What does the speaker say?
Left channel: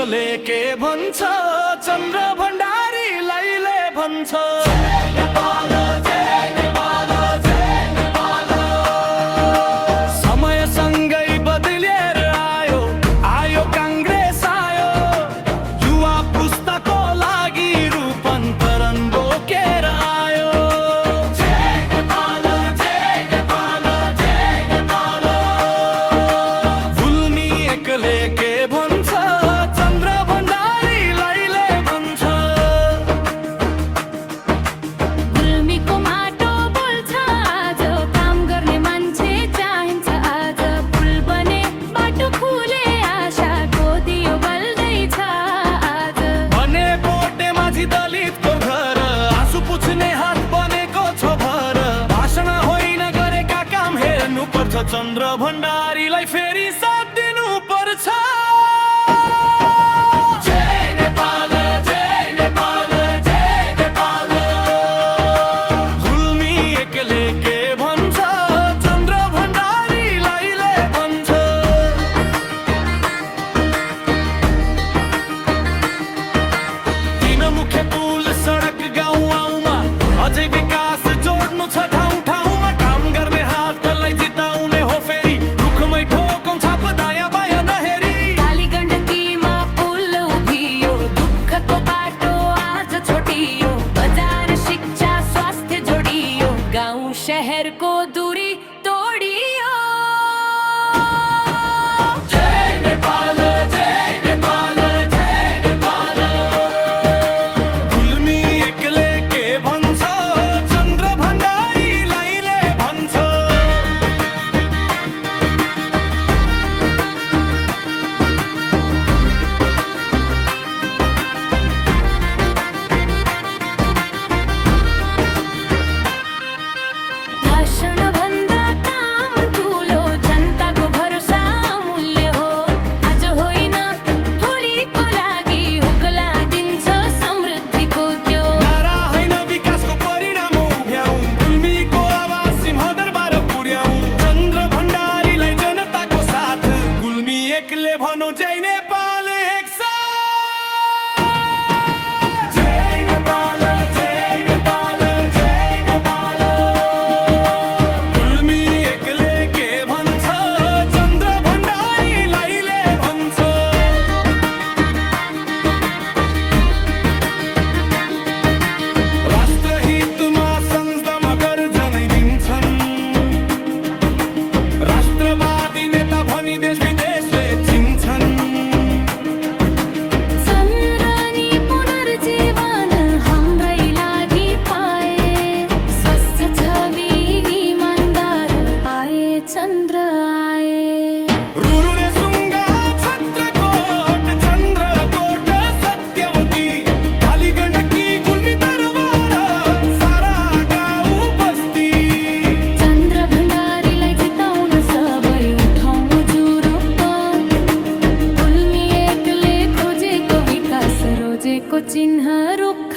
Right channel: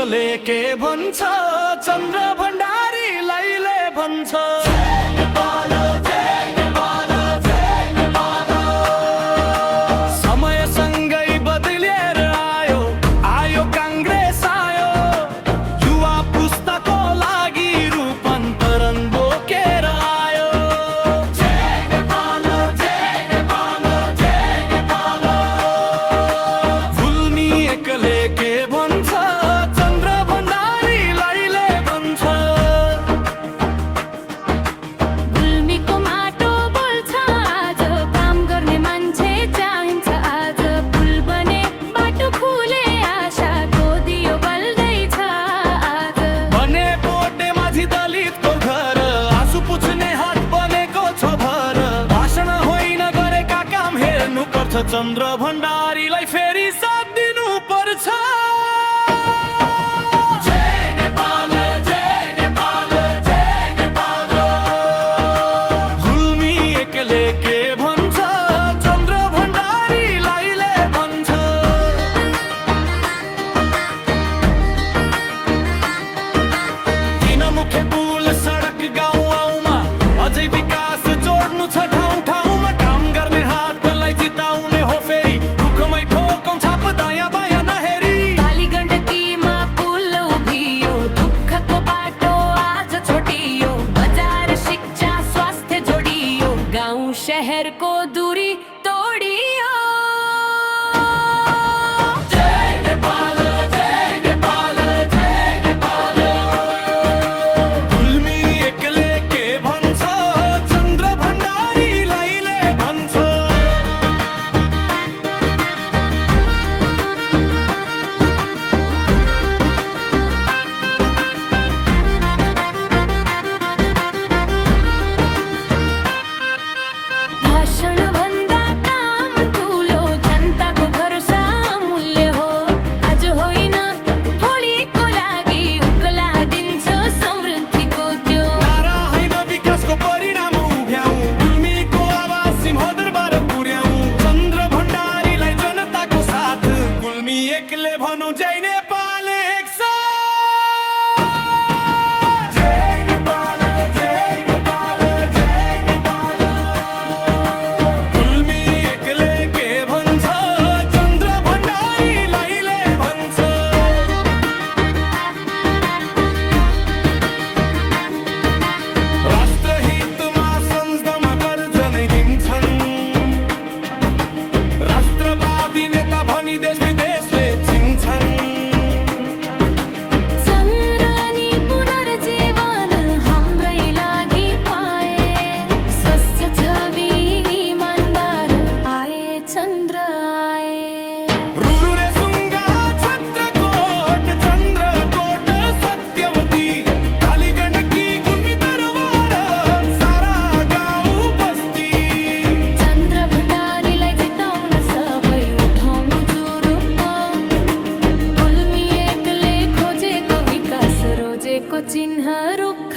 एकले के भन्छ चन्द्र भण्डारीलाईले भन्छ समयसँगै बदलिएर आयो आयो काङ्ग्रेस आयो युवा पुस्ताको लागि रूपान्तरण बोकेर आयो गुल्मी एकले के भन्छ चन्द्र भण्डारीलाईले भन्छ गुल्मीको माटो बोल्छ आज काम गर्ने मान्छे चाहिन्छ आज पुल बने बाटो खुले आशाको दियो बल्दैछ आज भने पोटे माझी दलितको घर आँसु पुछ्ने हात बनेको छ भर भाषण होइन गरेका काम हेर्नु पर्छ चन्द्र भण्डारीलाई फेरि साथ दिनु पर्छ गुल्मी एकले के भन्छ चन्द्र भण्डारीलाईले भन्छ तीन मुखे पुल सडक गाउँ आउमा अझै विकास जोड्नु छ ठाउँ ठाउँमा काम गर्ने हातलाई जिताउने हो फेरि रुखमै ठोकौँ छाप दायाँ बायाँ नहेरी काली गण्डकीमा पुल उभियो दुःखको बाटो आज छोटियो बजार शिक्षा स्वास्थ्य जोडियो गाउँ शहरको दूरी तोडियो गुल्मी एकले के भन्छ चन्द्र भण्डारीलाईले भन्छ भाषण भन्दा काम ठुलो जनताको भरोसा मूल्य हो आज होइन भोलिको लागि उक्ला दिन्छ समृद्धिको त्यो नारा होइन विकासको परिणाम उभ्याउँ गुल्मीको आवाज सिंहदरबार पुर्याउँ चन्द्र भण्डारीलाई जनताको साथ गुल्मी एकले भनौँ जय नेपाल एक साथ जय नेपाल जय नेपाल जय नेपाल गुल्मी एकले के भन्छ चन्द्र भण्डारीलाईले भन्छ राष्ट्रहितमा संसदमा गर्जनै दिन्छन् राष्ट्रवादी नेता भनी देश विदेशले चिन्छन् चन्द्रनी पुनर्जीवन हाम्रै लागि पाए स्वस्थ छवि इमानदार आए चन्द्र आए रुरु रेसुङ्गा छत्रकोट चन्द्रकोट सत्यवती काली गण्डकी गुल्मी दरबार सारा गाउँ बस्ती चन्द्र भण्डारीलाई जिताउन सबै उठाउँ जुरुप्प गुल्मी एकले खोजेको विकास रोजेको चिन्ह रुख